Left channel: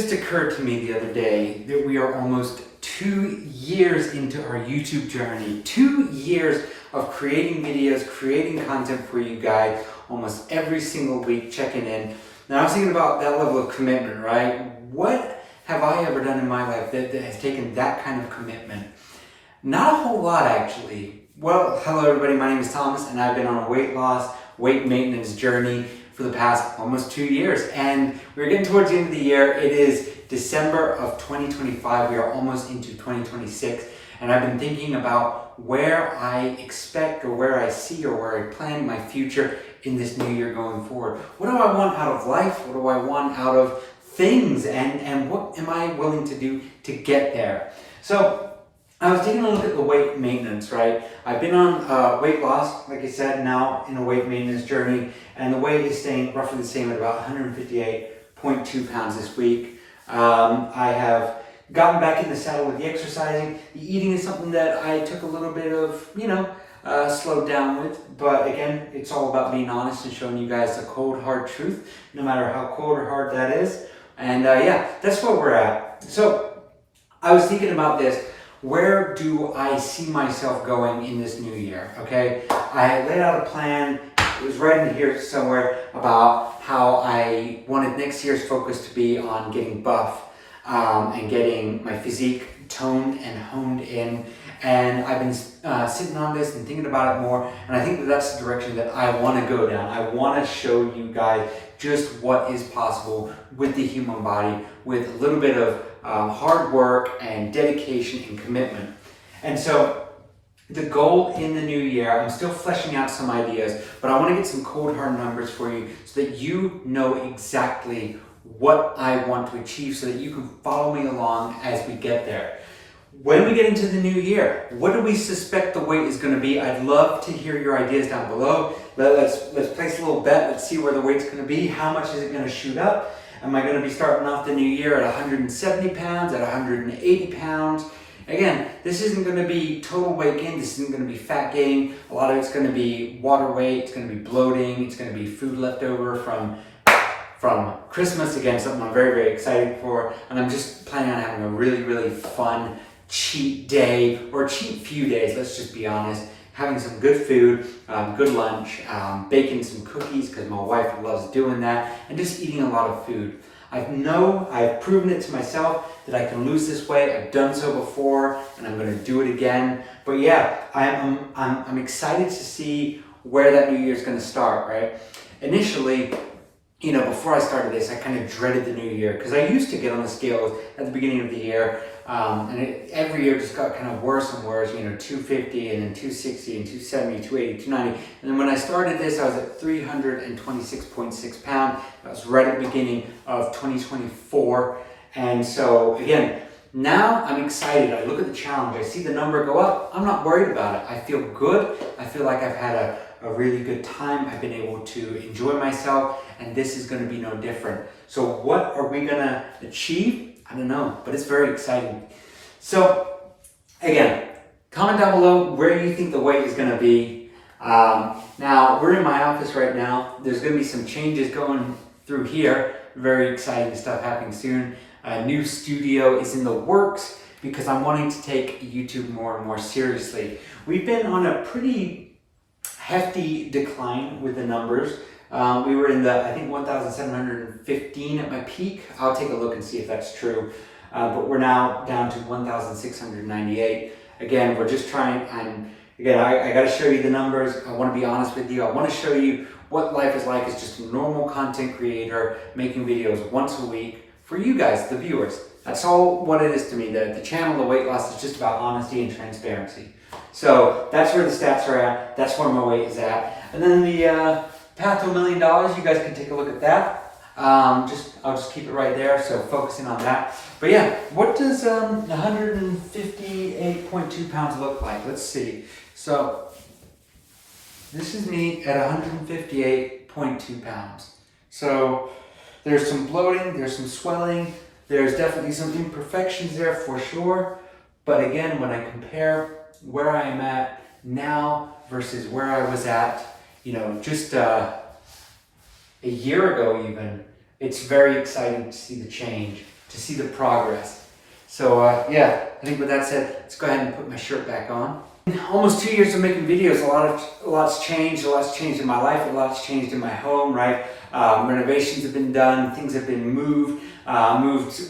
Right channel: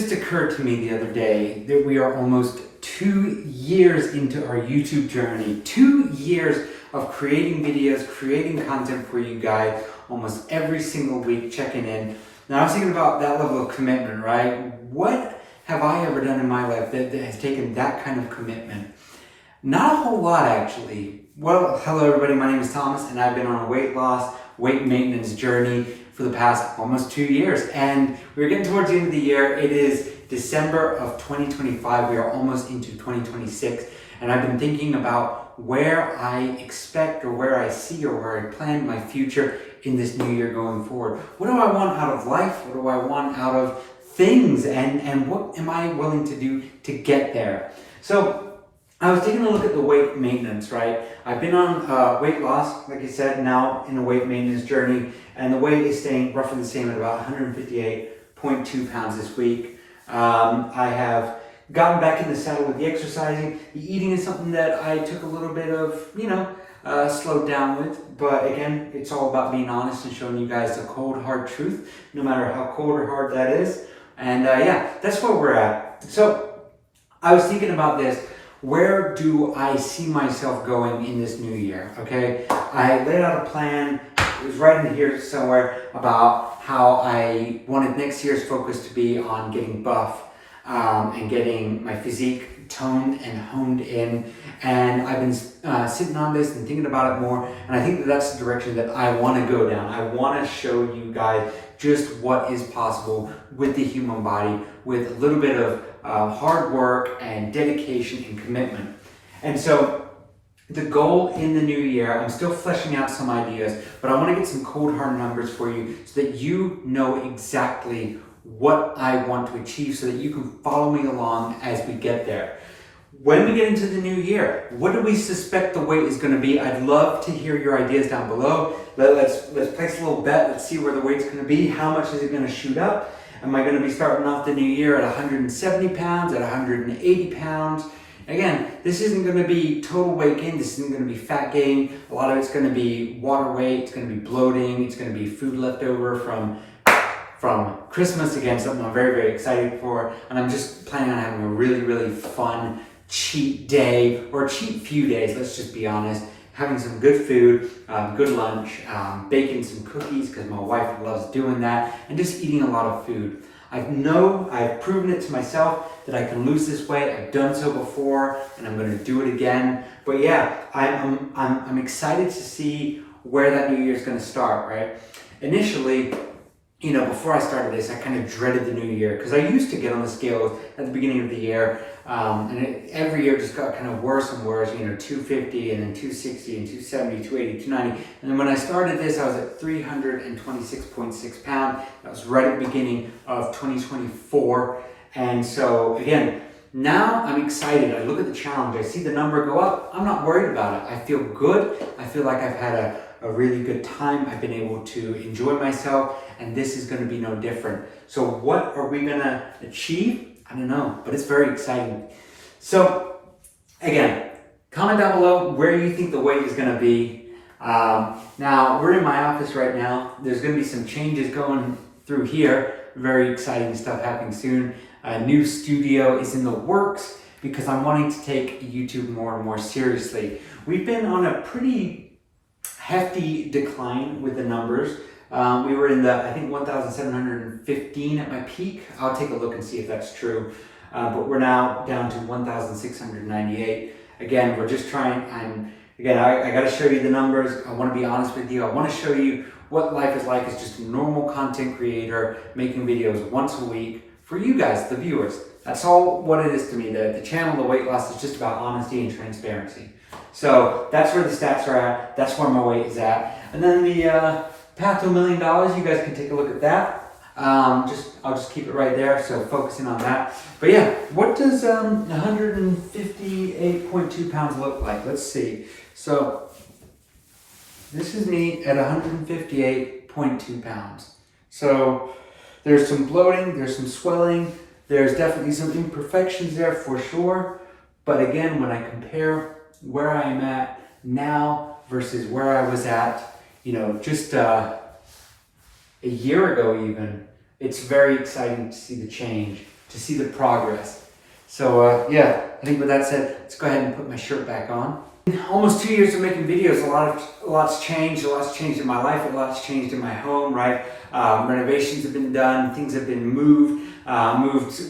just occurred to me the other day that we are almost 2 years into our YouTube journey. 2 years of creating videos, creating content for you guys, almost every single week, checking in. Now I was thinking about that level of commitment, right? What have I ever done in my life that has taken that kind of commitment? Not a whole lot, actually. Well, hello everybody, my name is Thomas and I've been on a weight loss, weight maintenance journey for the past almost 2 years. And we're getting towards the end of the year. It is December of 2025. We are almost into 2026. And I've been thinking about where I expect or where I see or where I plan my future in this new year going forward. What do I want out of life? What do I want out of things? And what am I willing to do to get there? So I was taking a look at the weight maintenance, right? I've been on weight loss, like I said, now in a weight maintenance journey, and the weight is staying roughly the same at about 158.2 pounds this week. I have gotten back in the saddle with the exercising. The eating is something that I took a little bit of, slowed down with. But again, it's all about being honest and showing you guys the cold, hard truth, no matter how cold or hard that is. And yeah, that's where we're at. So I was thinking about this. Where do I see myself going in this new year? Okay, I laid out a plan. It was right in here somewhere about how I wanted next year's focus to be on getting buff and getting my physique toned and honed in. And I've been sitting on this and thinking about it more. And I think that that's the direction that I want to go down. I want to show you guys just what is possible with the human body with a little bit of hard work and dedication and commitment. And so the goal in the new year, I'm still fleshing out some ideas, but I want to get some cold hard numbers for you so that you know exactly what I want to achieve so that you can follow me along as we get there. When we get into the new year, what do we suspect the weight is going to be? I'd love to hear your ideas down below. Let's place a little bet. Let's see where the weight's going to be. How much is it going to shoot up? Am I going to be starting off the new year at 170 pounds, at 180 pounds? Again, this isn't going to be total weight gain. This isn't going to be fat gain. A lot of it's going to be water weight. It's going to be bloating. It's going to be food left over from Christmas. Again, something I'm very, very excited for. And I'm just planning on having a really, really fun cheat day or cheat few days. Let's just be honest. Having some good food, good lunch, baking some cookies because my wife loves doing that, and just eating a lot of food. I've proven it to myself that I can lose this weight. I've done so before, and I'm going to do it again. But yeah, I'm excited to see where that new year is going to start. Right? Initially, before I started this, I kind of dreaded the new year because I used to get on the scales at the beginning of the year. And every year just got kind of worse and worse, 250 and then 260 and 270, 280, 290. And then when I started this, I was at 326.6 pounds. That was right at the beginning of 2024. And so again, now I'm excited. I look at the challenge. I see the number go up. I'm not worried about it. I feel good. I feel like I've had a really good time. I've been able to enjoy myself, and this is going to be no different. So what are we going to achieve? I don't know, but it's very exciting. So again, comment down below where you think the weight is going to be. Now, we're in my office right now. There's going to be some changes going through here. Very exciting stuff happening soon. A new studio is in the works because I'm wanting to take YouTube more and more seriously. We've been on a pretty hefty decline with the numbers. We were in the, I think, 1,715 at my peak. I'll take a look and see if that's true. But we're now down to 1,698. Again, we're just trying, and again, I got to show you the numbers. I want to be honest with you. I want to show you what life is like as just a normal content creator making videos once a week for you guys, the viewers. That's all what it is to me. The channel, the weight loss, is just about honesty and transparency. So that's where the stats are at. That's where my weight is at. And then the path to $1 million, you guys can take a look at that. I'll just keep it right there, so focusing on that. But yeah, what does 158.2 pounds look like? Let's see. So this is me at 158.2 pounds. So there's some bloating, there's some swelling, there's definitely some imperfections there for sure. But again, when I compare where I am at now versus where I was at, just a year ago even, it's very exciting to see the change. to see the progress. So yeah, I think with that said, let's go ahead and put my shirt back on. Almost 2 years of making videos, a lot's changed in my life, a lot's changed in my home, right? Renovations have been done, things have been moved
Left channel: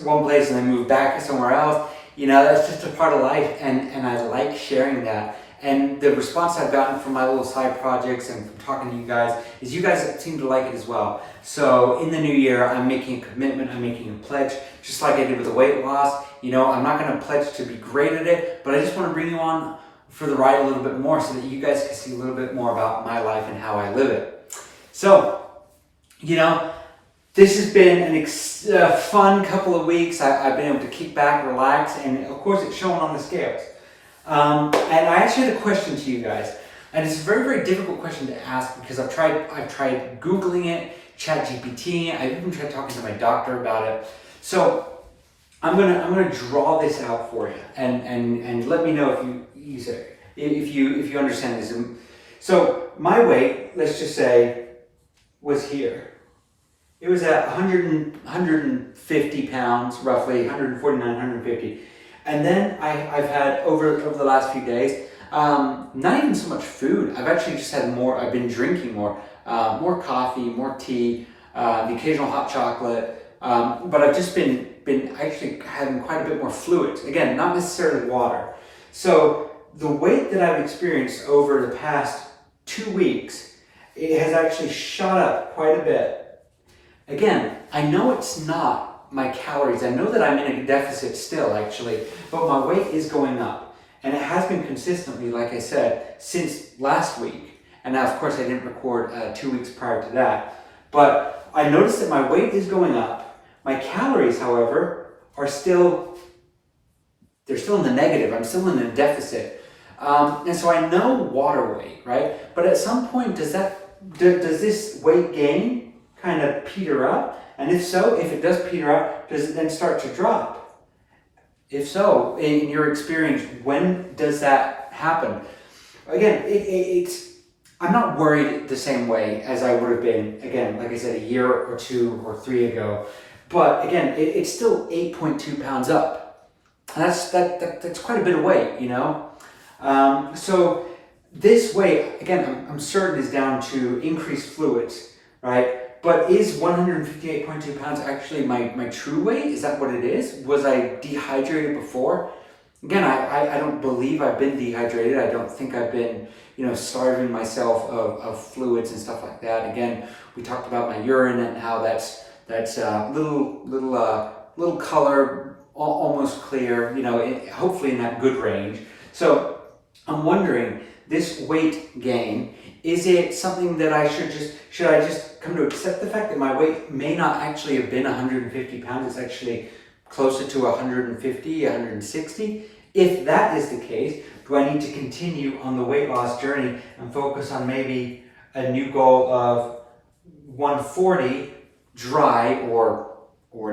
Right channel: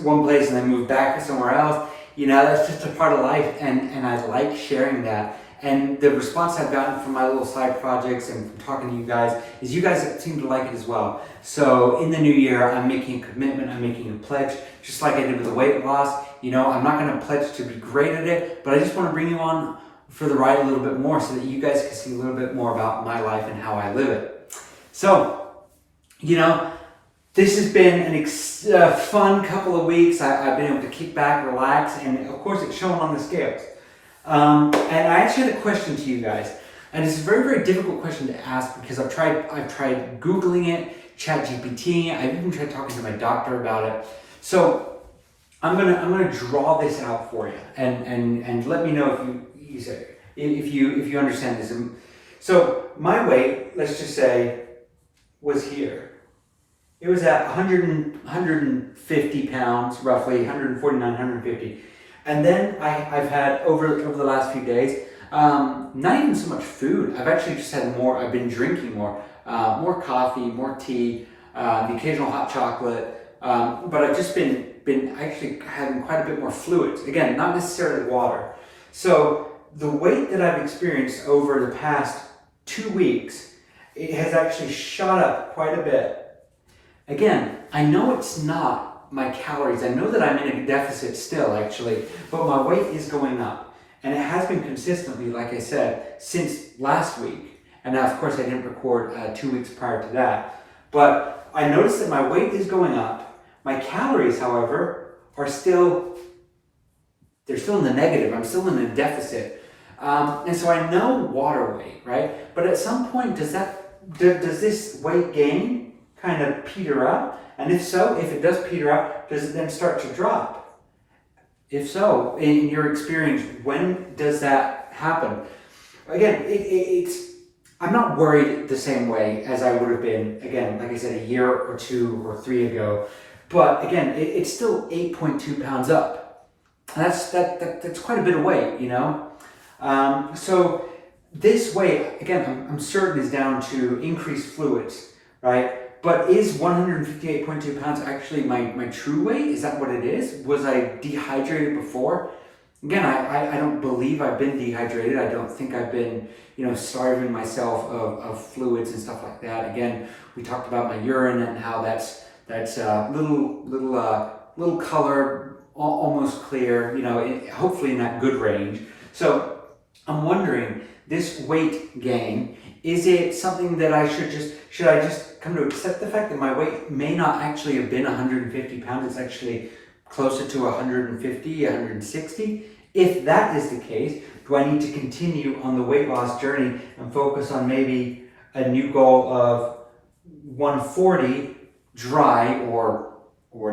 one place and then moved back somewhere else. You know, that's just a part of life, and I like sharing that. And the response I've gotten from my little side projects and from talking to you guys is you guys seem to like it as well. So in the new year, I'm making a commitment, I'm making a pledge, just like I did with the weight loss. You know, I'm not gonna pledge to be great at it, but I just wanna bring you on for the ride a little bit more so that you guys can see a little bit more about my life and how I live it. So, you know, this has been a fun couple of weeks. I've been able to kick back, relax, and of course it's shown on the scales. And I actually had a question to you guys, and it's a very, very difficult question to ask because I've tried Googling it, ChatGPT. I've even tried talking to my doctor about it. So I'm gonna draw this out for you, and let me know if you understand this. So my weight, let's just say, was here. It was at 150 pounds, roughly 149, 150. And then I've had, over the last few days, not even so much food. I've actually just had more, I've been drinking more coffee, more tea, the occasional hot chocolate. But I've just been actually having quite a bit more fluids. Again, not necessarily water. So the weight that I've experienced over the past 2 weeks, it has actually shot up quite a bit. Again, I know it's not my calories. I know that I'm in a deficit still, actually, but my weight is going up. And it has been consistently, like I said, since last week. And now, of course, I didn't record 2 weeks prior to that. But I noticed that my weight is going up. My calories, however, are still in the negative. I'm still in a deficit. And so I know water weight, right? But at some point, does this weight gain kind of peter up? And if so, if it does peter up, does it then start to drop? If so, in your experience, when does that happen? Again, I'm not worried the same way as I would have been, again, like I said, a year or 2 or 3 ago. But again, it's still 8.2 pounds up. And that's quite a bit of weight, you know? So this weight, again, I'm certain is down to increased fluids, right? But is 158.2 pounds actually my true weight? Is that what it is? Was I dehydrated before? Again, I don't believe I've been dehydrated. I don't think I've been, starving myself of fluids and stuff like that. Again, we talked about my urine and how that's little color, almost clear, hopefully in that good range. So I'm wondering, this weight gain, is it something that should I just come to accept the fact that my weight may not actually have been 150 pounds, it's actually closer to 150, 160? If that is the case, do I need to continue on the weight loss journey and focus on maybe a new goal of 140 dry or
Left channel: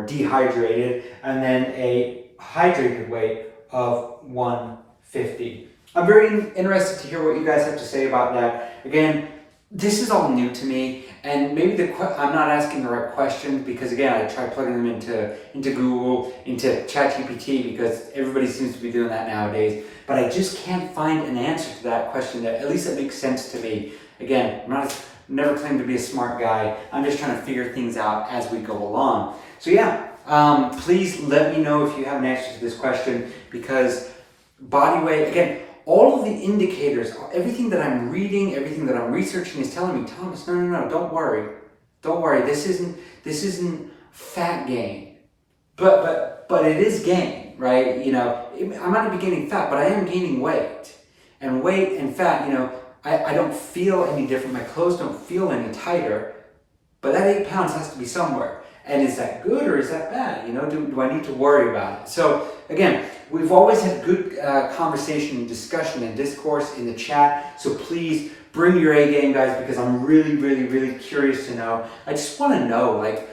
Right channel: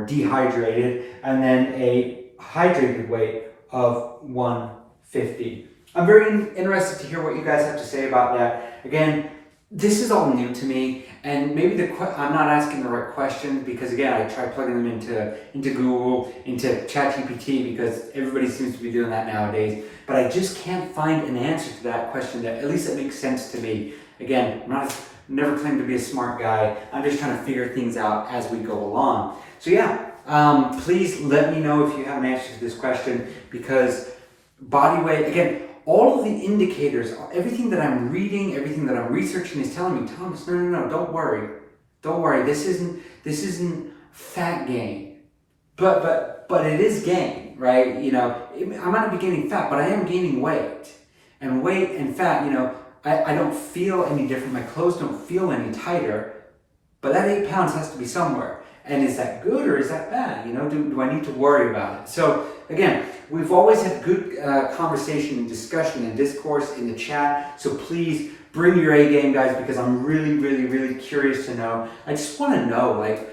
dehydrated, and then a hydrated weight of 150? I'm very interested to hear what you guys have to say about that. Again, this is all new to me, and maybe I'm not asking the right questions because, again, I tried plugging them into Google, into ChatGPT, because everybody seems to be doing that nowadays. But I just can't find an answer to that question that at least it makes sense to me. Again, never claimed to be a smart guy. I'm just trying to figure things out as we go along. So yeah, please let me know if you have an answer to this question, because body weight, again, all of the indicators, everything that I'm reading, everything that I'm researching is telling me, Thomas, no, don't worry. This isn't fat gain, but it is gain, right? I might not be gaining fat, but I am gaining weight, and weight and fat, I don't feel any different. My clothes don't feel any tighter, but that 8 pounds has to be somewhere. And is that good or is that bad? Do I need to worry about it? So again, we've always had good conversation and discussion and discourse in the chat. So please bring your A game, guys, because I'm really, really, really curious to know. I just want to know, like,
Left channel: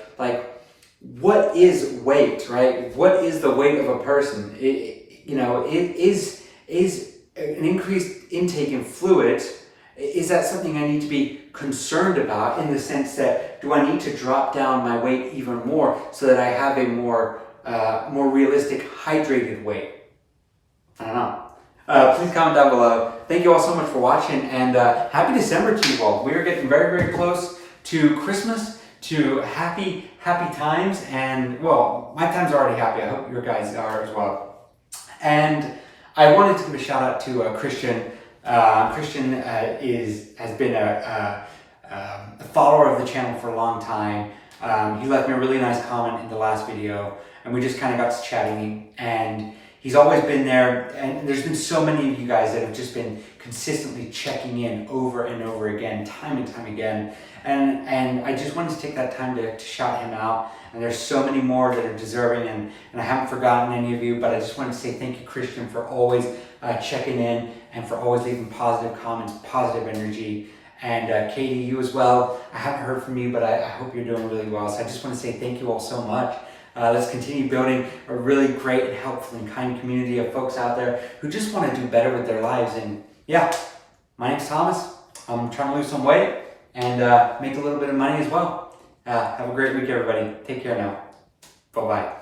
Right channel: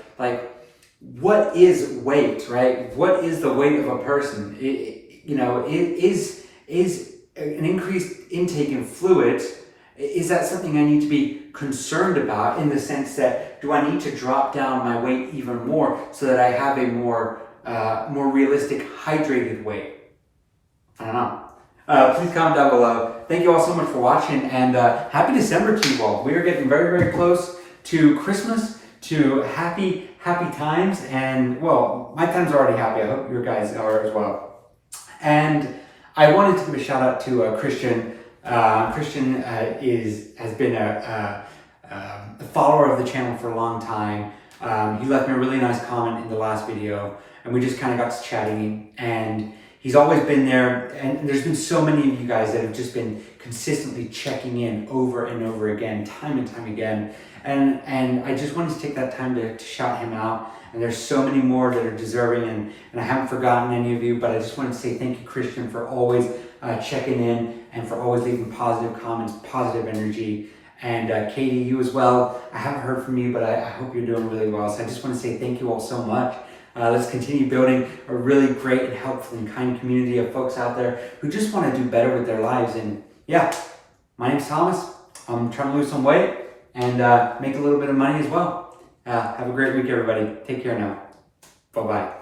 what is weight, right? What is the weight of a person? Is an increased intake in fluids, is that something I need to be concerned about, in the sense that, do I need to drop down my weight even more so that I have a more more realistic, hydrated way? I don't know. Please comment down below. Thank you all so much for watching, and happy December to you all. We are getting very, very close to Christmas, to happy times, and well, my times are already happy. I hope your guys are as well. And I wanted to give a shout out to Christian. Christian has been a follower of the channel for a long time. He left me a really nice comment in the last video, and we just kind of got to chatting, and he's always been there, and there's been so many of you guys that have just been consistently checking in over and over again, time and time again. And I just wanted to take that time to shout him out. And there's so many more that are deserving, and I haven't forgotten any of you, but I just wanted to say thank you, Christian, for always checking in and for always leaving positive comments, positive energy. And Katie, you as well. I haven't heard from you, but I hope you're doing really well. So I just want to say thank you all so much. Let's continue building a really great and helpful and kind community of folks out there who just want to do better with their lives. And yeah, my name's Thomas. I'm trying to lose some weight and make a little bit of money as well. Have a great week, everybody. Take care now. Bye-bye.